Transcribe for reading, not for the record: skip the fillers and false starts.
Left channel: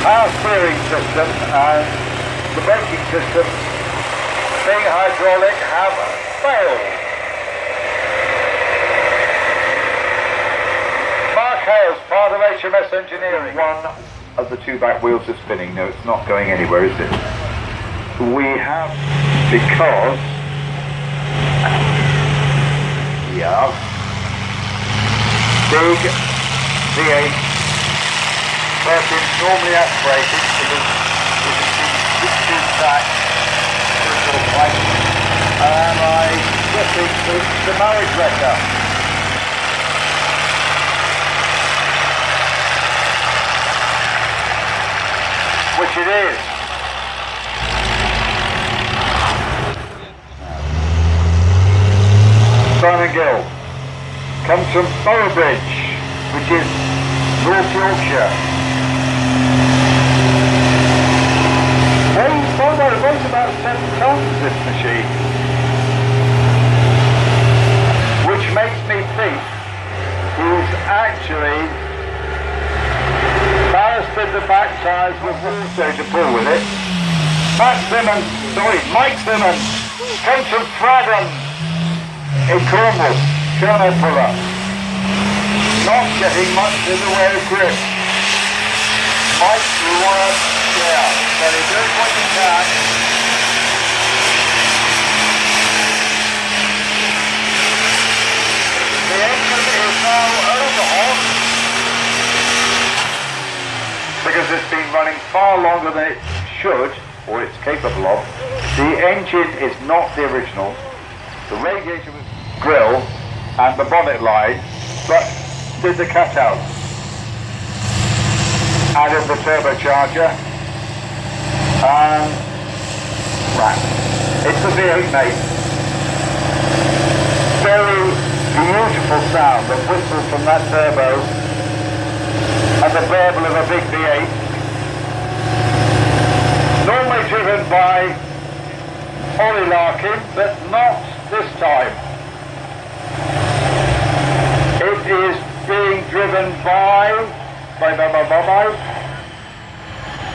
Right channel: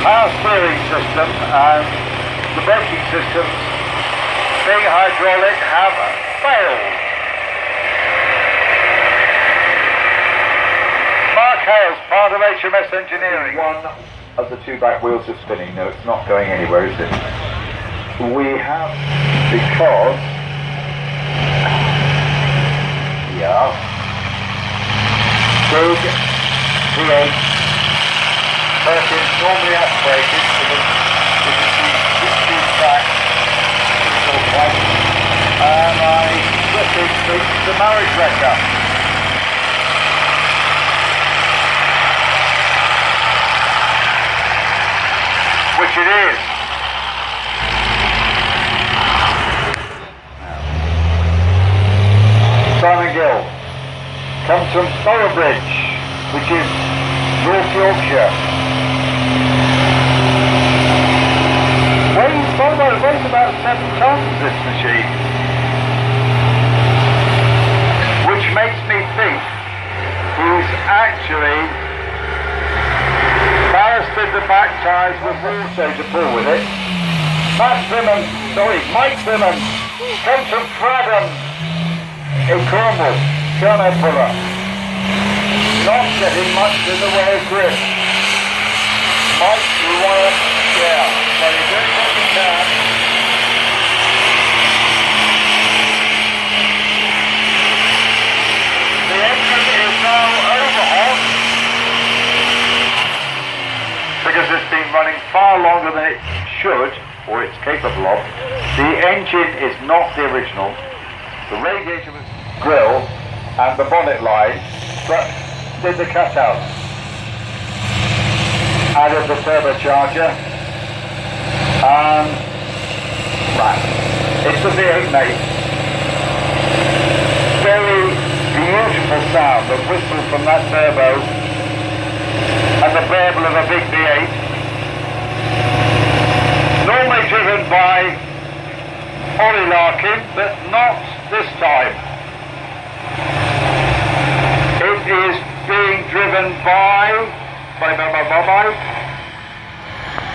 power steering system and the braking system, being hydraulic, have failed. Mark Hales, part of HMS Engineering. One of the two back wheels are spinning. No, it's not going anywhere, is it? We have, because, yeah, big V8 is normally aspirated to the 16 track, And I just think the marriage wrecker. Which it is. Simon Gill comes from Boroughbridge, which is North Yorkshire. Weighs about 7 tons, this machine. Which makes me think he's actually ballasted the back tyres with water to pull with it. Mike Simmons comes from Fradham in Cornwall, piano puller. Not getting much in the way of grip. Mike, you want to, so you don't want the back. The engine is now overhauled because it's been running far longer than it should, or it's capable of. The engine is not the original. The radiator was grill and the bonnet line, but did the cutout. Added the turbocharger, and it's the V8 mate. Very beautiful sound, the whistle from that turbo and the burble of a big V8. Normally driven by Ollie Larkin, but not this time. It is being driven by